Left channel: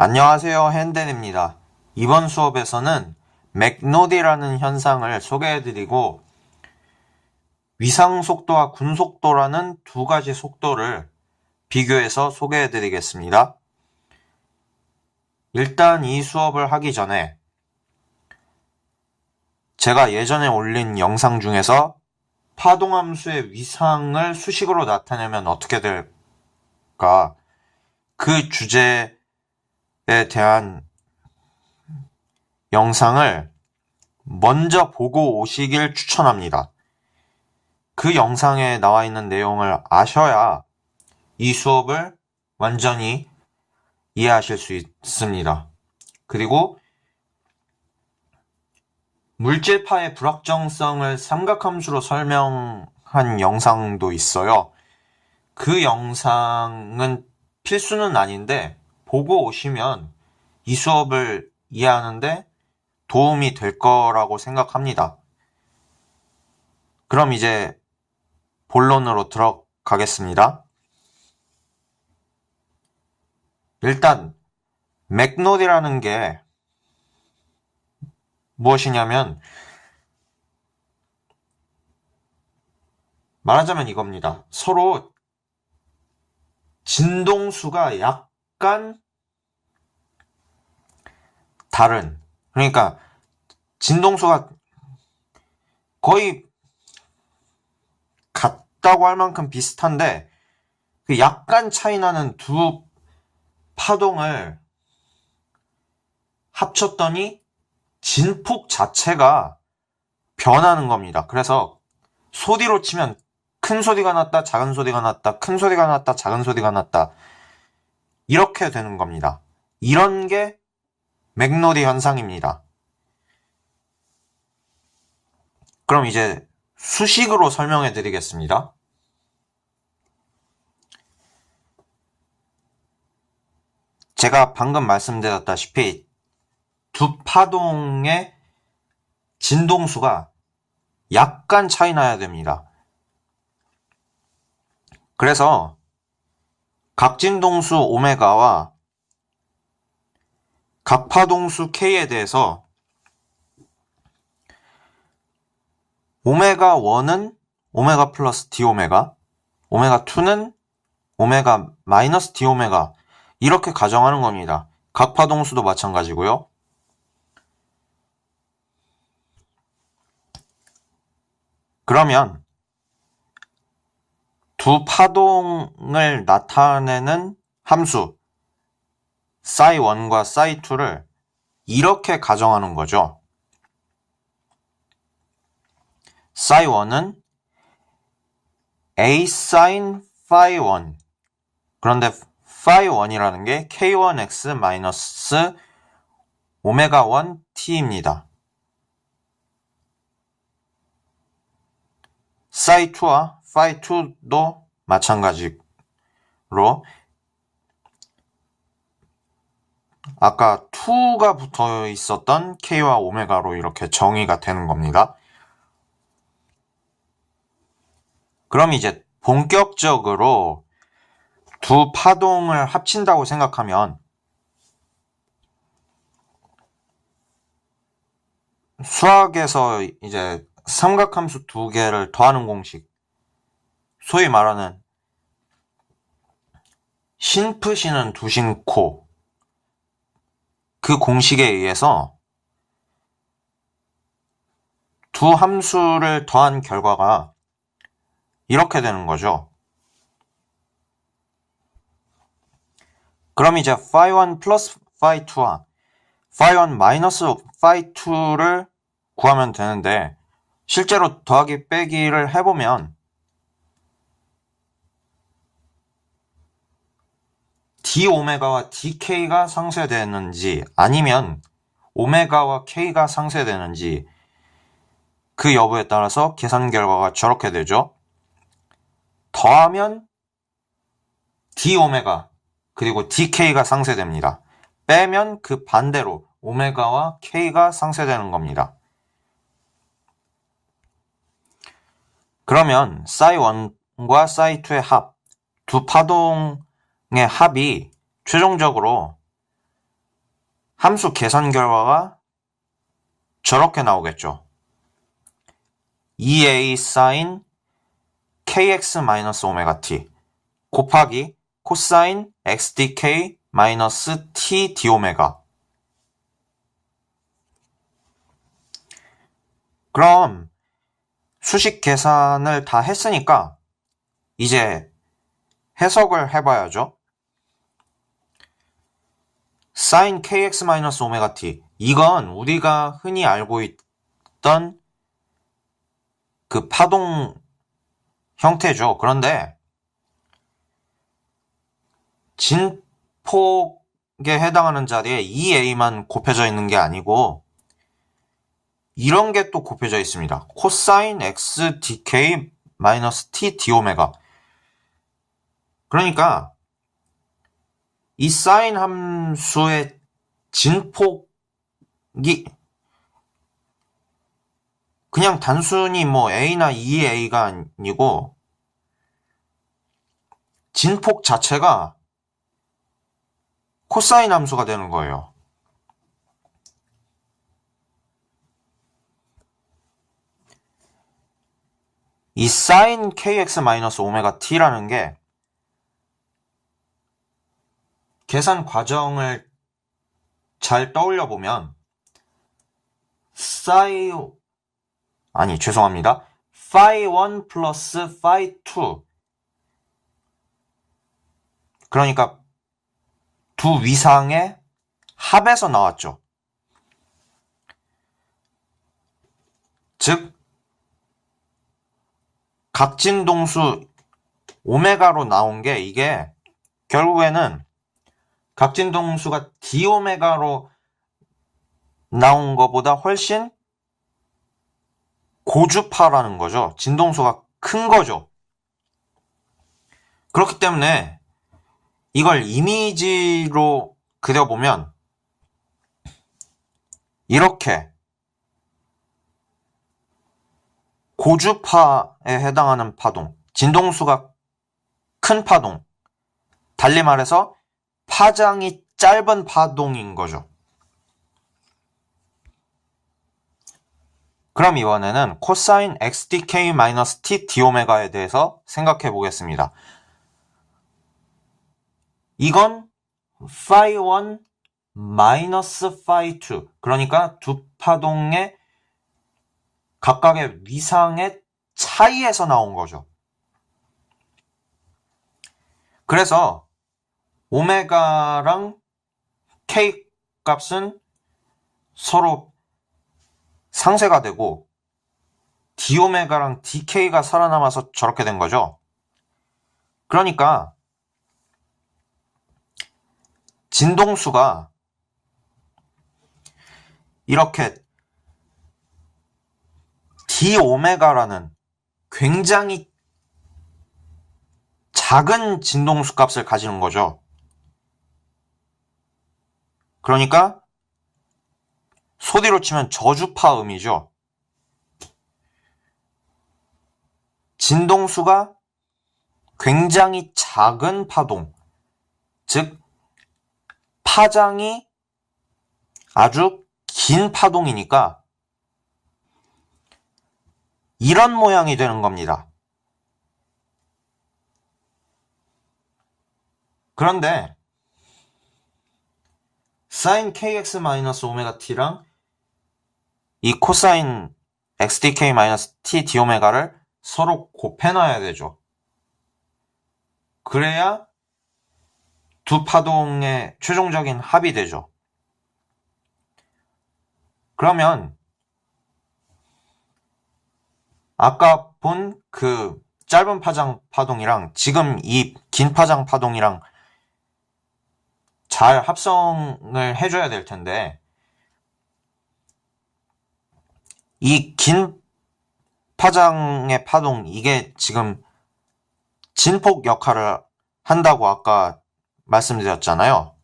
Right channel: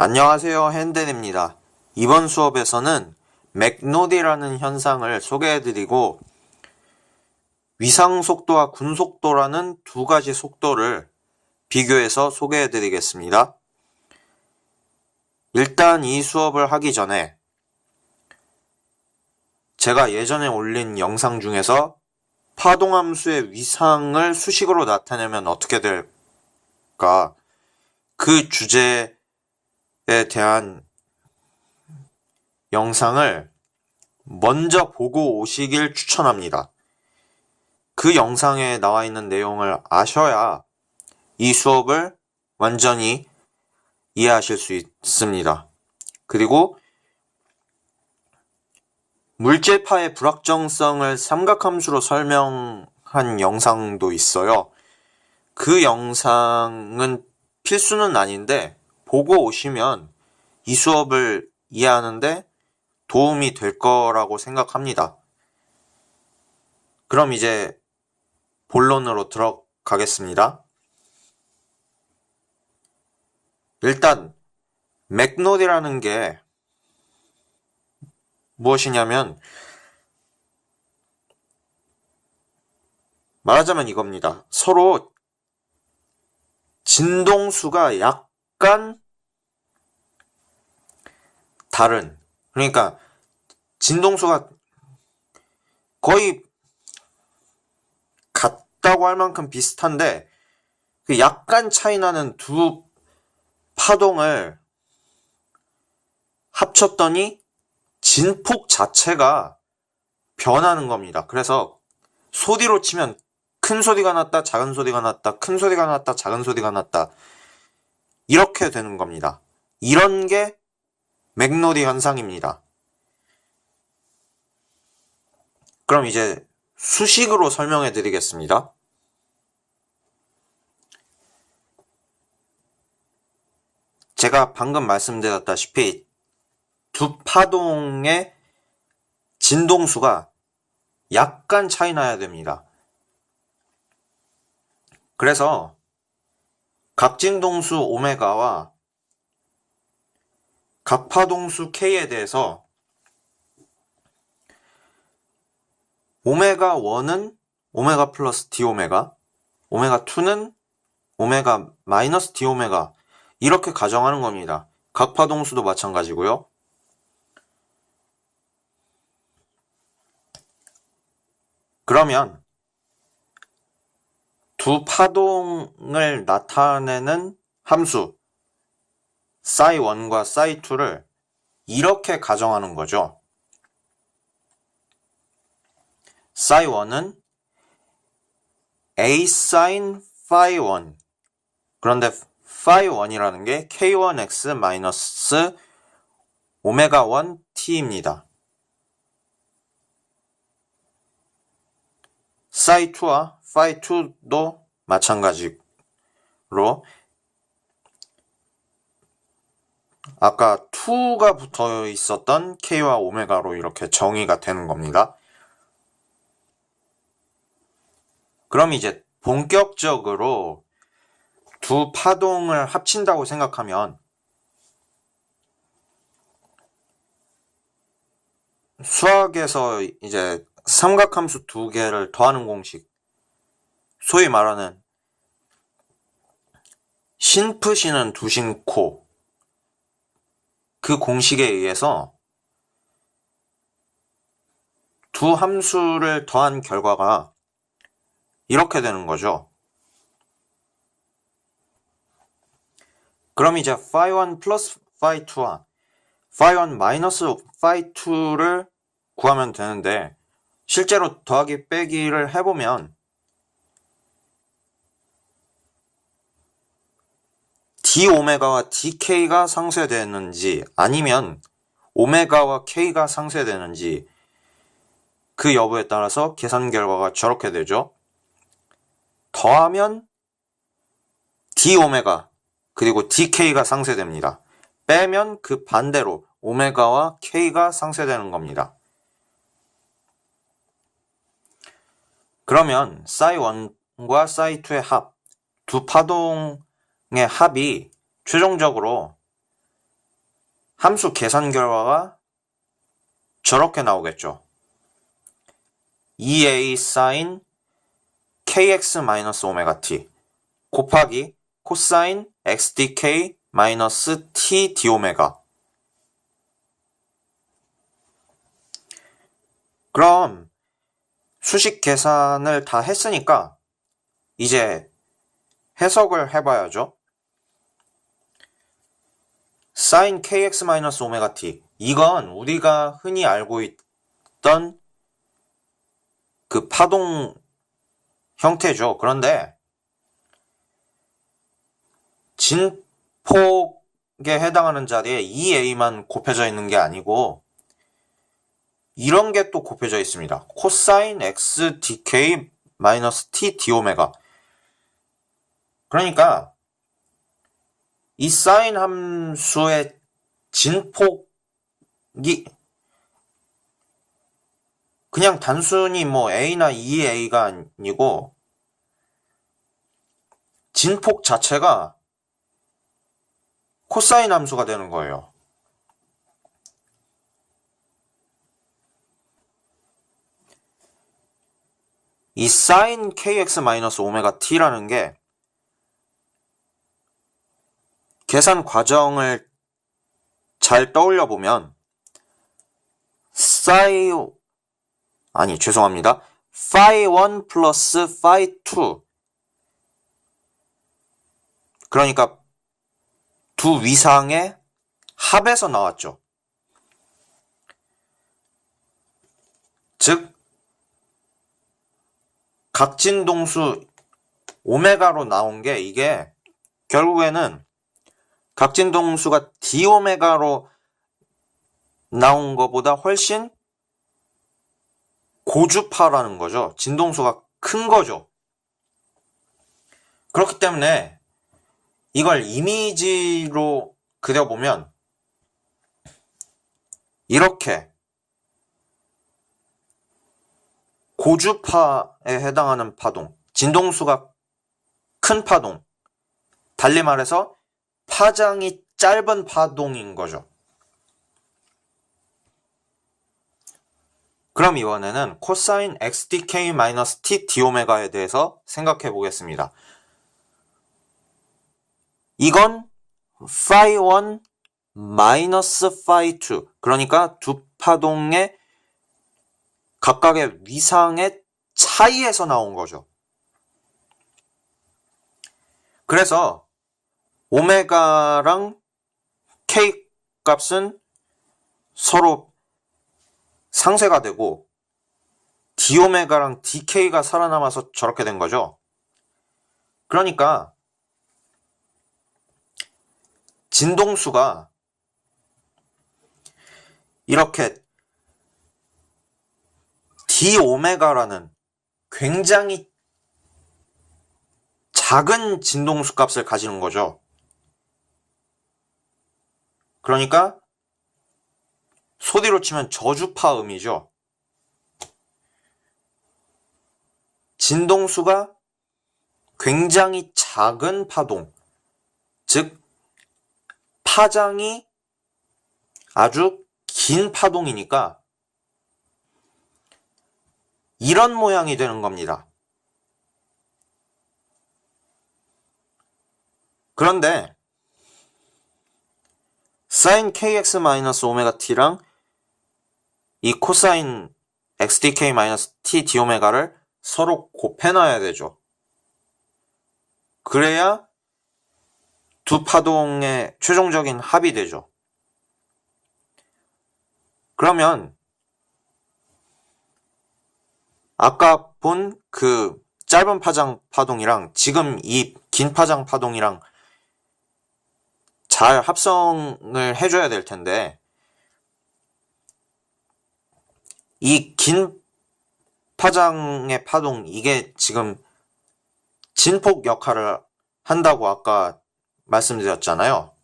안녕하세요, 핸덴입니다. 이번 수업에서는 맥노디라는 현상을 소개해드리고 위상속도와 군속도라는 두 가지 속도를 비교해서 소개해드리겠습니다. 일단 이 수업을 하기 전에 제가 예전에 올린 영상 중에서 파동함수의 위상을 수식으로 나타내면 어떻게 될까? 그 주제에 대한 영상을 먼저 보고 오시길 추천합니다. 그 영상에 나와 있는 내용을 아셔야 이 수업을 완전히 이해하실 수 있습니다. 그리고 물질파의 불확정성을 삼각함수로 설명한 영상도 있어요. 그 영상은 필수는 아닌데 보고 오시면 이 수업을 이해하는데 도움이 될 거라고 생각합니다. 그럼 이제 본론으로 들어가겠습니다. 일단 맥노디라는 게 무엇이냐면 말하자면 이겁니다. 서로 진동수가 약간 다른, 그러니까 진동수가 거의 같다고 할 만큼 비슷한데 약간 차이 나는 두 파동을 합쳤더니 진폭 자체가 변하는 겁니다. 그래서 소리로 치면 큰 소리가 났다, 작은 소리가 났다, 큰 소리가 났다, 작은 소리가 났다, 이렇게 되는 겁니다. 이런 게 맥노디 현상입니다. 그럼 이제 수식으로 설명해 드리겠습니다. 제가 방금 말씀드렸다시피 두 파동의 진동수가 약간 차이 나야 됩니다. 그래서 각 진동수 오메가와 각 파동수 K에 대해서 오메가 1은 오메가 플러스 D오메가, 오메가 2는 오메가 마이너스 D오메가, 이렇게 가정하는 겁니다. 각 파동수도 마찬가지고요. 그러면 두 파동을 나타내는 함수 psi1과 psi2를 이렇게 가정하는 거죠. psi1은 a sin phi1, 그런데 phi1이라는 게 k1x 마이너스 오메가 1t입니다. psi2와 phi2도 마찬가지로 아까 2가 붙어 있었던 k와 오메가로 이렇게 정의가 되는 겁니다. 그럼 이제 본격적으로 두 파동을 합친다고 생각하면 수학에서 이제 삼각함수 두 개를 더하는 공식, 소위 말하는 신프시는 두신코, 그 공식에 의해서 두 함수를 더한 결과가 이렇게 되는 거죠. 그럼 이제 phi1 플러스 phi2와 phi1 마이너스 phi2를 구하면 되는데 실제로 더하기 빼기를 해보면 d오메가와 dk가 상쇄되는지 아니면 오메가와 k가 상쇄되는지 그 여부에 따라서 계산 결과가 저렇게 되죠. 더하면 d오메가 그리고 dk가 상쇄됩니다. 빼면 그 반대로 오메가와 k가 상쇄되는 겁니다. 그러면 psi1과 psi2의 합, 두 파동의 합이 최종적으로 함수 계산 결과가 저렇게 나오겠죠. 2a sin kx-ωt 곱하기 코사인 xdk-t dω. 그럼 수식 계산을 다 했으니까 이제 해석을 해봐야죠. sin kx-ωt 이건 우리가 흔히 알고 있던 그 파동 형태죠. 그런데 진폭에 해당하는 자리에 2a만 곱해져 있는 게 아니고 이런 게 또 곱해져 있습니다. 코사인 x dk t dω. 그러니까 이 사인 함수의 진폭이 그냥 단순히 뭐 a나 2a가 아니고 진폭 자체가 코사인 함수가 되는 거예요. 이 sin kx-ωt라는 게 계산 과정을 잘 떠올려 보면 phi1 플러스 phi2 그러니까 두 위상의 합에서 나왔죠. 즉 각진동수 오메가로 나온 게 이게 결국에는 각진동수가 dω 나온 것보다 훨씬 고주파라는 거죠. 진동수가 큰 거죠. 그렇기 때문에 이걸 이미지로 그려보면 이렇게 고주파에 해당하는 파동, 진동수가 큰 파동, 달리 말해서 파장이 짧은 파동인 거죠. 그럼 이번에는 코사인 xdk-t dω에 대해서 생각해 보겠습니다. 이건 phi1 마이너스 phi2 그러니까 두 파동의 각각의 위상의 차이에서 나온 거죠. 그래서 오메가랑 k 값은 서로 상쇄가 되고 dω랑 dk가 살아남아서 저렇게 된 거죠. 그러니까 진동수가 이렇게 dω라는 굉장히 작은 진동수 값을 가지는 거죠. 그러니까 소리로 치면 저주파음이죠. 진동수가 굉장히 작은 파동, 즉 파장이 아주 긴 파동이니까 이런 모양이 되는 겁니다. 그런데 sin kx-ωt랑 이 코사인 xdk-t dω를 서로 곱해놔야 되죠. 그래야 두 파동의 최종적인 합이 되죠. 그러면 아까 본 그 짧은 파장 파동이랑 지금 이 긴 파장 파동이랑 잘 합성을 해줘야 될 텐데 이 긴 파장의 파동 이게 지금 진폭 역할을 한다고 아까 말씀드렸잖아요.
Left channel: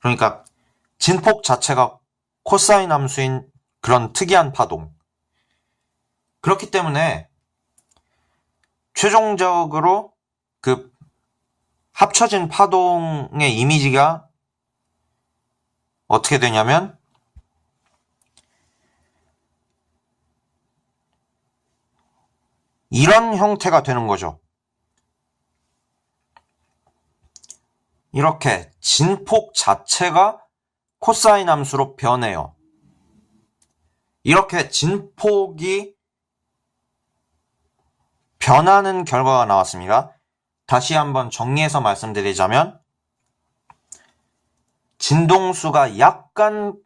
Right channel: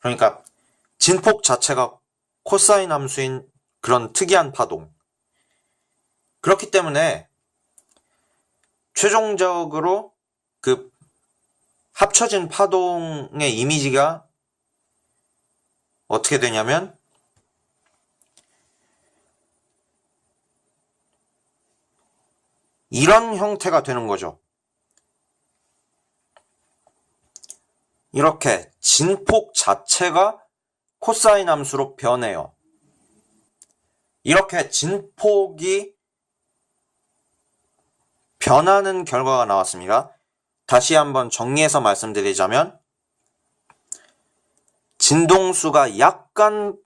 그러니까 진폭 자체가 코사인 함수인 그런 특이한 파동. 그렇기 때문에 최종적으로 그 합쳐진 파동의 이미지가 어떻게 되냐면 이런 형태가 되는 거죠. 이렇게 진폭 자체가 코사인 함수로 변해요. 이렇게 진폭이 변하는 결과가 나왔습니다. 다시 한번 정리해서 말씀드리자면 진동수가 약간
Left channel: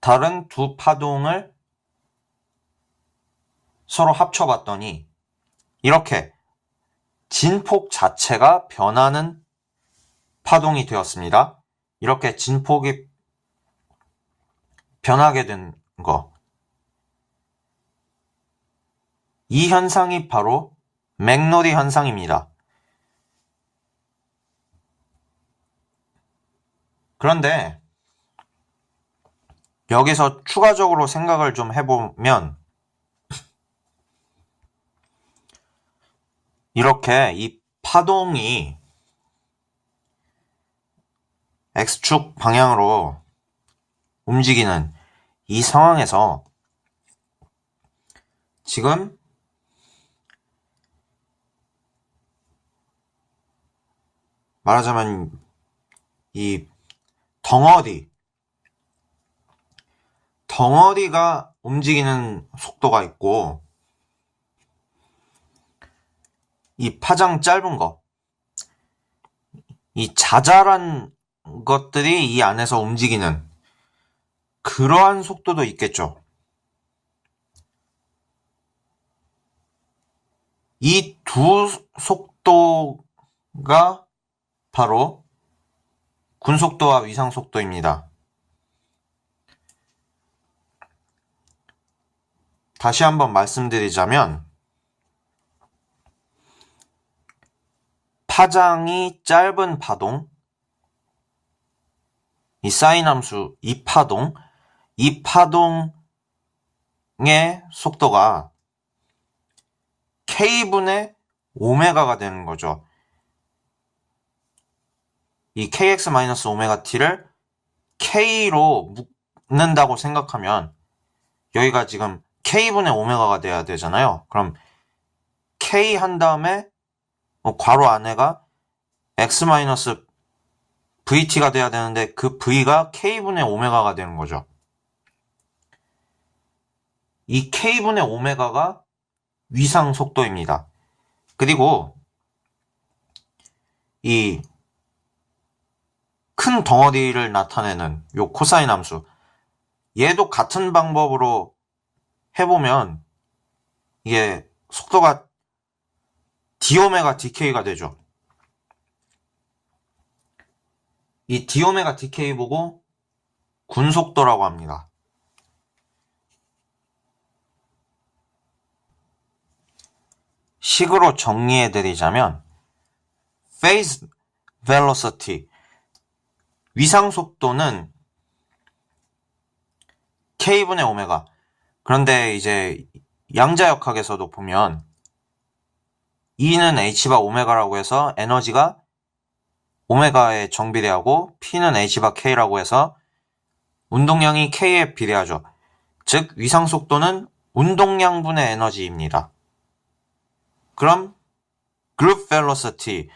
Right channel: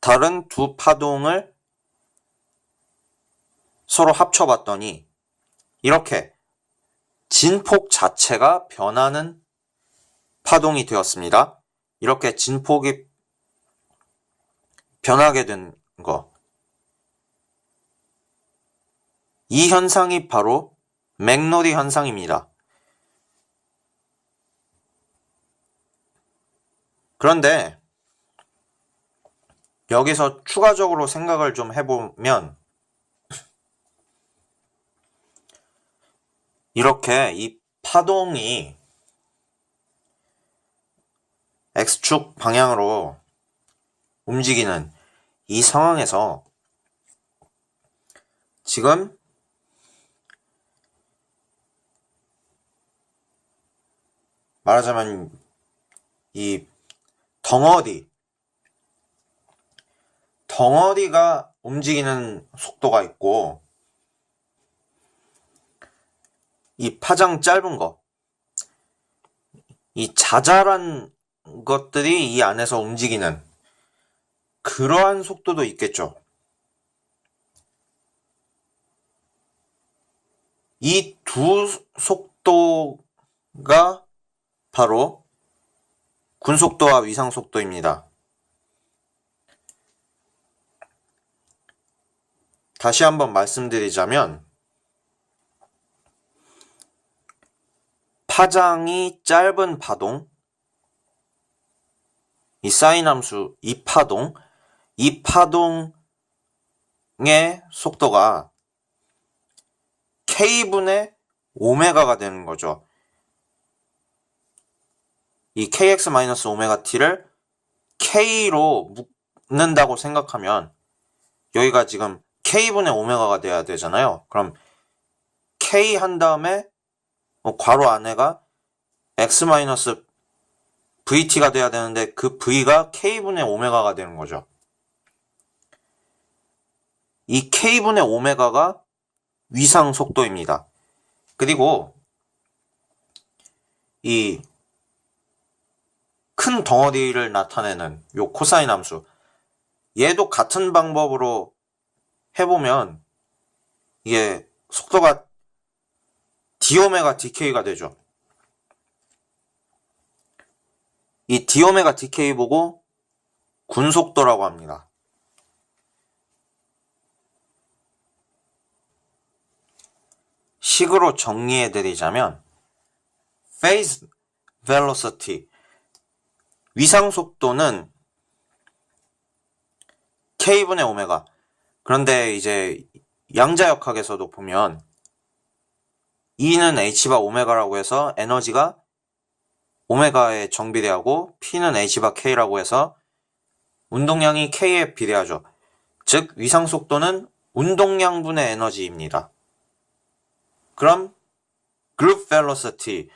다른 두 파동을 서로 합쳐봤더니 이렇게 진폭 자체가 변하는 파동이 되었습니다. 이렇게 진폭이 변하게 된 거. 이 현상이 바로 맥로리 현상입니다. 그런데 여기서 추가적으로 생각을 좀 해보면 이렇게 이 파동이 X축 방향으로 움직이는 이 상황에서 지금 말하자면 이 덩어리가 움직이는 속도가 있고 이 파장 짧은 거, 이 자잘한 것들이 이 안에서 움직이는 그러한 속도도 있겠죠. 이 두 속도가 바로 군속도와 위상속도입니다. 다시 한번 말씀드리자면 파장이 짧은 파동, 이 사인 함수, 이 파동의 속도가 K분의 오메가가 되는 거죠. 이 kx-오메가-t를 K로 묶는다고 생각하면 여기가 지금 K분의 오메가가 돼야 되잖아요. 그럼 K 한 다음에 괄호 안에가 x-vt가 돼야 되는데 그 v가 K분의 오메가가 되는 거죠. 이 K분의 오메가가 위상 속도입니다. 그리고 이 큰 덩어리를 나타내는 요 코사인 함수, 얘도 같은 방법으로 해보면 이게 속도가 d오메가 dk가 되죠. 이 d오메가 dk 보고 군속도라고 합니다. 식으로 정리해드리자면 phase velocity, 위상속도는 K분의 오메가. 그런데 이제 양자역학에서도 보면 E는 H바 오메가라고 해서 에너지가 오메가에 정비례하고 P는 H바 K라고 해서 운동량이 K에 비례하죠. 즉 위상속도는 운동량분의 에너지입니다. 그럼 group velocity,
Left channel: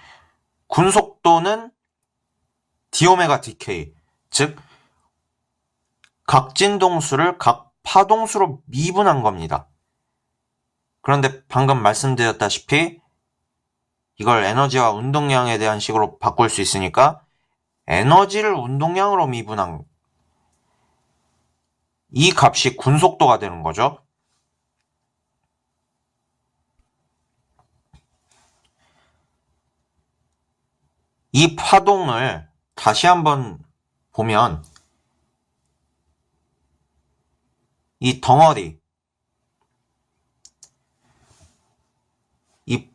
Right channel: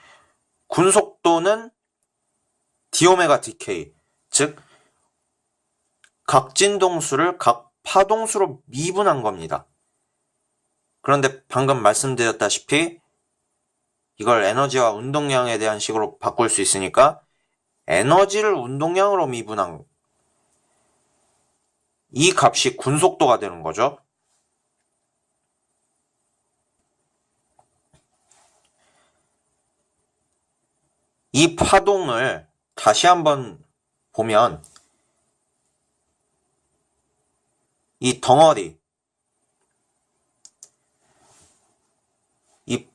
군속도는 d오메가 dk, 즉 각 진동수를 각 파동수로 미분한 겁니다. 그런데 방금 말씀드렸다시피 이걸 에너지와 운동량에 대한 식으로 바꿀 수 있으니까 에너지를 운동량으로 미분한 이 값이 군속도가 되는 거죠. 이 파동을 다시 한번 보면 이 덩어리, 이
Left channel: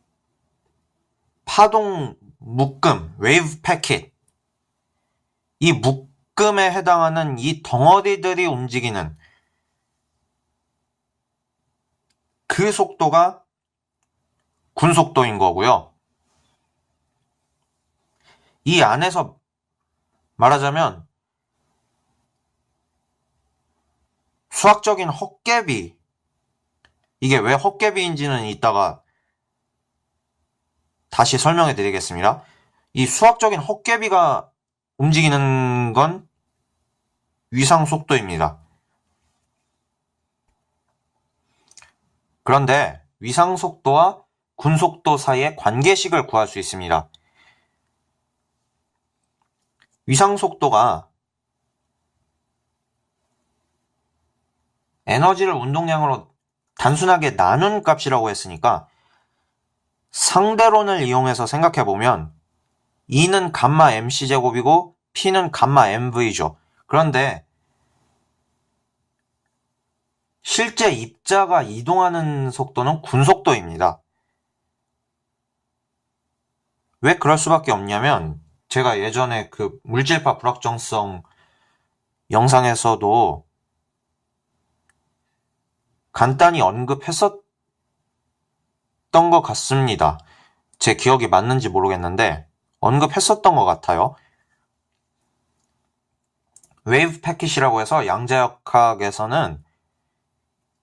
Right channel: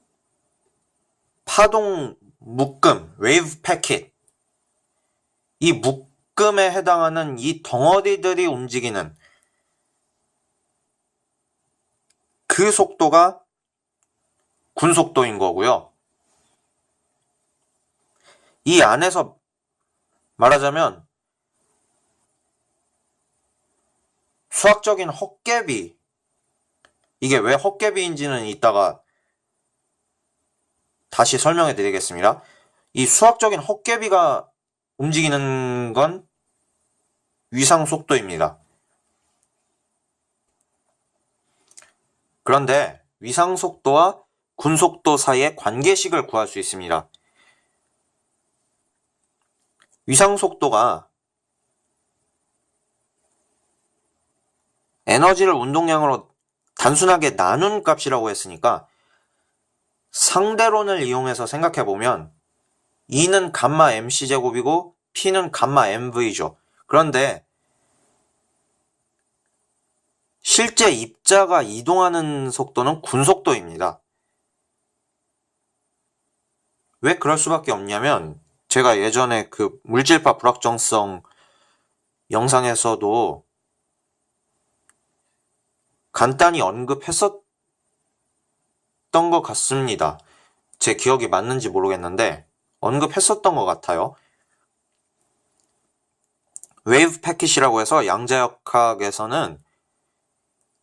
파동 묶음, 웨이브 패킷, 이 묶음에 해당하는 이 덩어리들이 움직이는 그 속도가 군속도인 거고요. 이 안에서 말하자면 수학적인 헛개비, 이게 왜 헛개비인지는 이따가 다시 설명해 드리겠습니다. 이 수학적인 헛개비가 움직이는 건 위상 속도입니다. 그런데 위상 속도와 군속도 사이의 관계식을 구할 수 있습니다. 위상 속도가 에너지를 운동량으로 단순하게 나눈 값이라고 했으니까 상대론을 이용해서 생각해보면 E는 감마 mc제곱이고 P는 감마 mv죠. 그런데 실제 입자가 이동하는 속도는 군속도입니다. 왜 그럴 수밖에 없냐면 제가 예전에 그 물질파 불확정성 영상에서도 간단히 언급했었던 것 같습니다. 제 기억이 맞는지 모르겠는데 언급했었던 것 같아요. 웨이브 패킷이라고 해서 양자역학에서는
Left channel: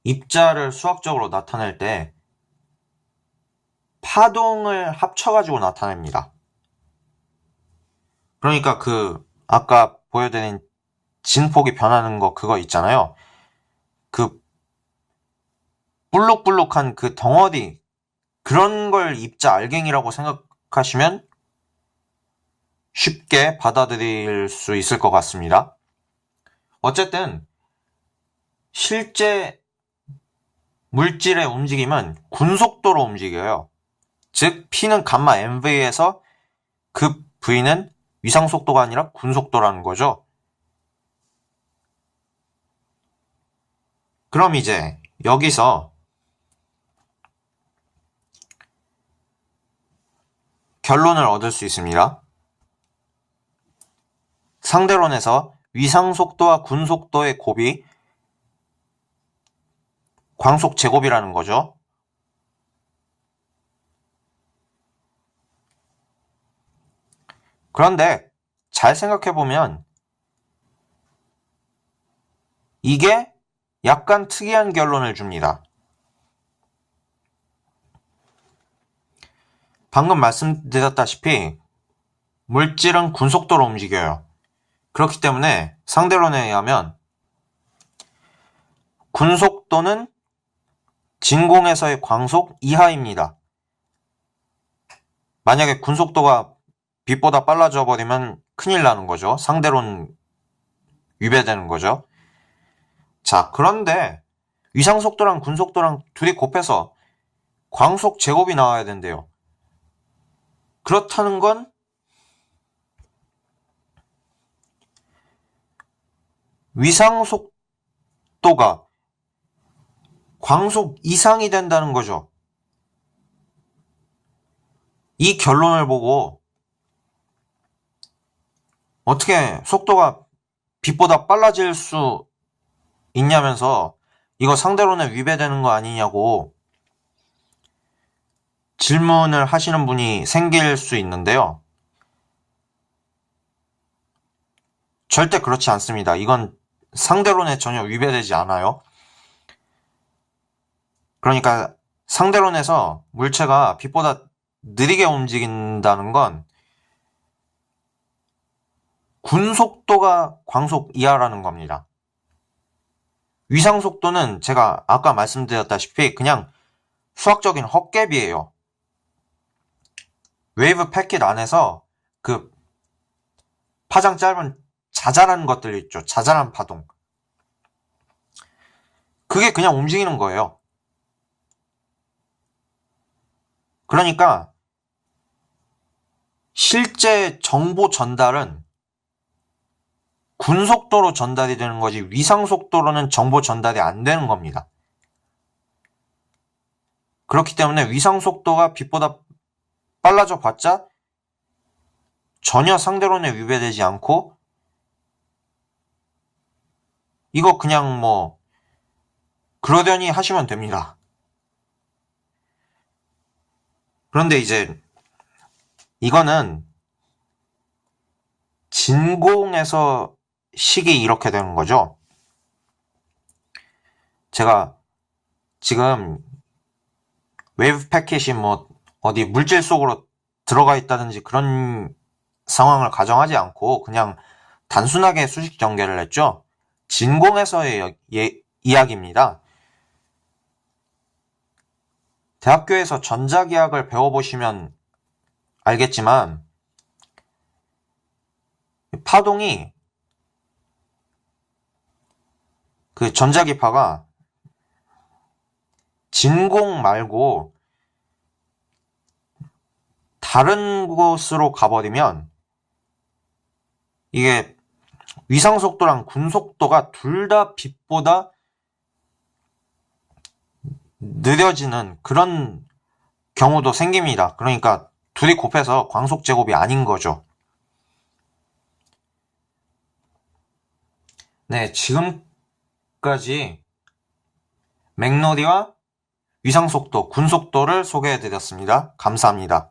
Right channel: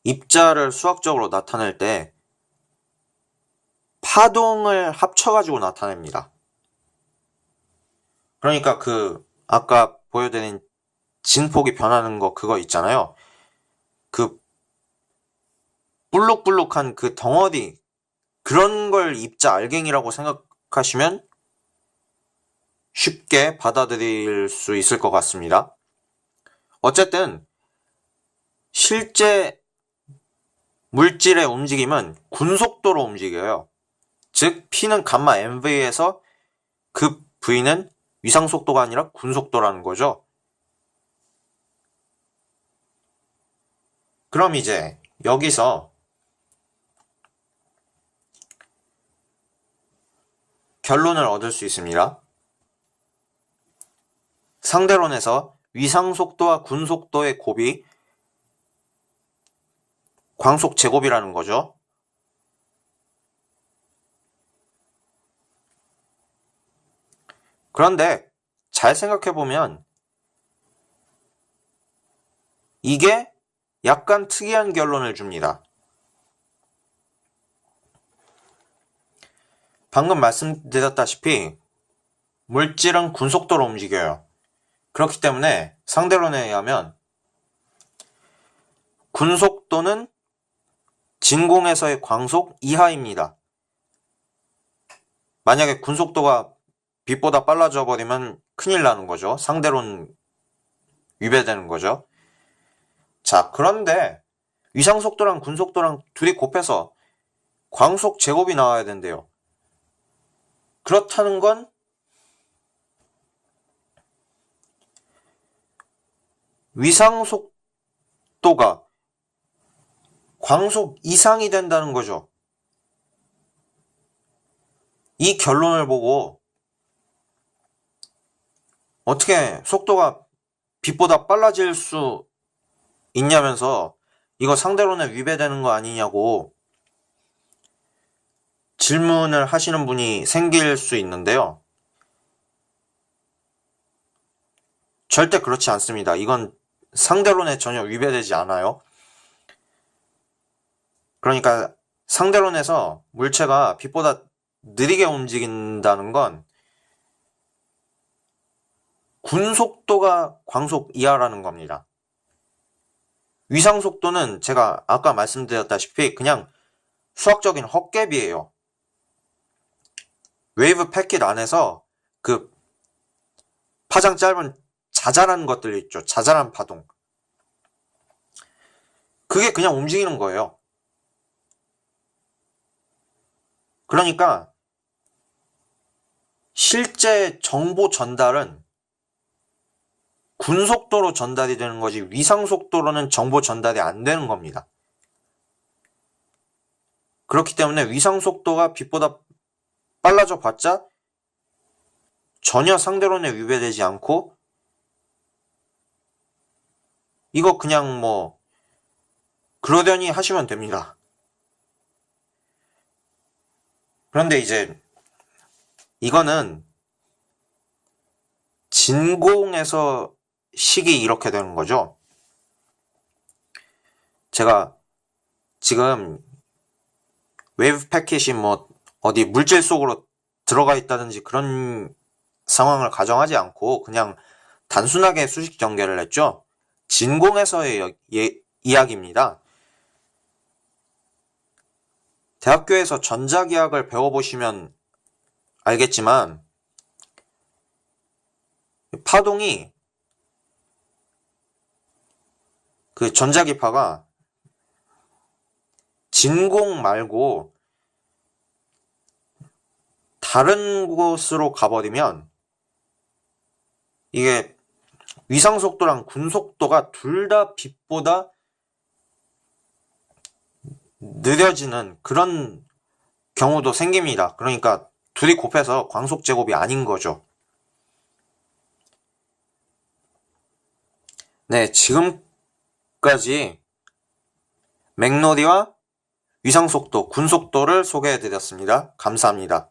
입자를 수학적으로 나타낼 때 파동을 합쳐가지고 나타냅니다. 그러니까 그 아까 보여드린 진폭이 변하는 거 그거 있잖아요. 그 불룩불룩한 그 덩어리, 그런 걸 입자 알갱이라고 생각하시면 쉽게 받아들일 수 있을 것 같습니다. 어쨌든 실제 물질의 움직임은 군속도로 움직여요. 즉 P는 감마 mv에서 그 v는 위상속도가 아니라 군속도라는 거죠. 그럼 이제 여기서 결론을 얻을 수 있습니다. 상대론에서 위상속도와 군속도의 곱이 광속 제곱이라는 거죠. 그런데 잘 생각해보면 이게 약간 특이한 결론을 줍니다. 방금 말씀드렸다시피 물질은 군속도로 움직여요. 그렇기 때문에 상대론에 의하면 군속도는 진공에서의 광속 이하입니다. 만약에 군속도가 빛보다 빨라져 버리면 큰일 나는 거죠. 상대론 위배되는 거죠. 자, 그런데 위상속도랑 군속도랑 둘이 곱해서 광속 제곱이 나와야 된대요. 그렇다는 건 위상속도가 광속 이상이 된다는 거죠. 이 결론을 보고 어떻게 속도가 빛보다 빨라질 수 있냐면서 이거 상대론에 위배되는 거 아니냐고 질문을 하시는 분이 생길 수 있는데요. 절대 그렇지 않습니다. 이건 상대론에 전혀 위배되지 않아요. 그러니까 상대론에서 물체가 빛보다 느리게 움직인다는 건 군속도가 광속 이하라는 겁니다. 위상속도는 제가 아까 말씀드렸다시피 그냥 수학적인 헛개비예요. 웨이브 패킷 안에서 그 파장 짧은 자잘한 것들 있죠. 자잘한 파동. 그게 그냥 움직이는 거예요. 그러니까 실제 정보 전달은 군속도로 전달이 되는 거지 위상속도로는 정보 전달이 안 되는 겁니다. 그렇기 때문에 위상속도가 빛보다 빨라져 봤자 전혀 상대론에 위배되지 않고 이거 그냥 뭐 그러려니 하시면 됩니다. 그런데 이제 이거는 진공에서 식이 이렇게 되는 거죠. 제가 지금 웨이브 패킷이 뭐 어디 물질 속으로 들어가 있다든지 그런 상황을 가정하지 않고 그냥 단순하게 수식 전개를 했죠. 진공에서의 이야기입니다. 대학교에서 전자기학을 배워보시면 알겠지만 파동이 그 전자기파가 진공 말고 다른 곳으로 가버리면 이게 위상속도랑 군속도가 둘 다 빛보다 느려지는 그런 경우도 생깁니다. 그러니까 둘이 곱해서 광속제곱이 아닌 거죠. 네, 지금까지 맥너리와 위상속도, 군속도를 소개해드렸습니다. 감사합니다.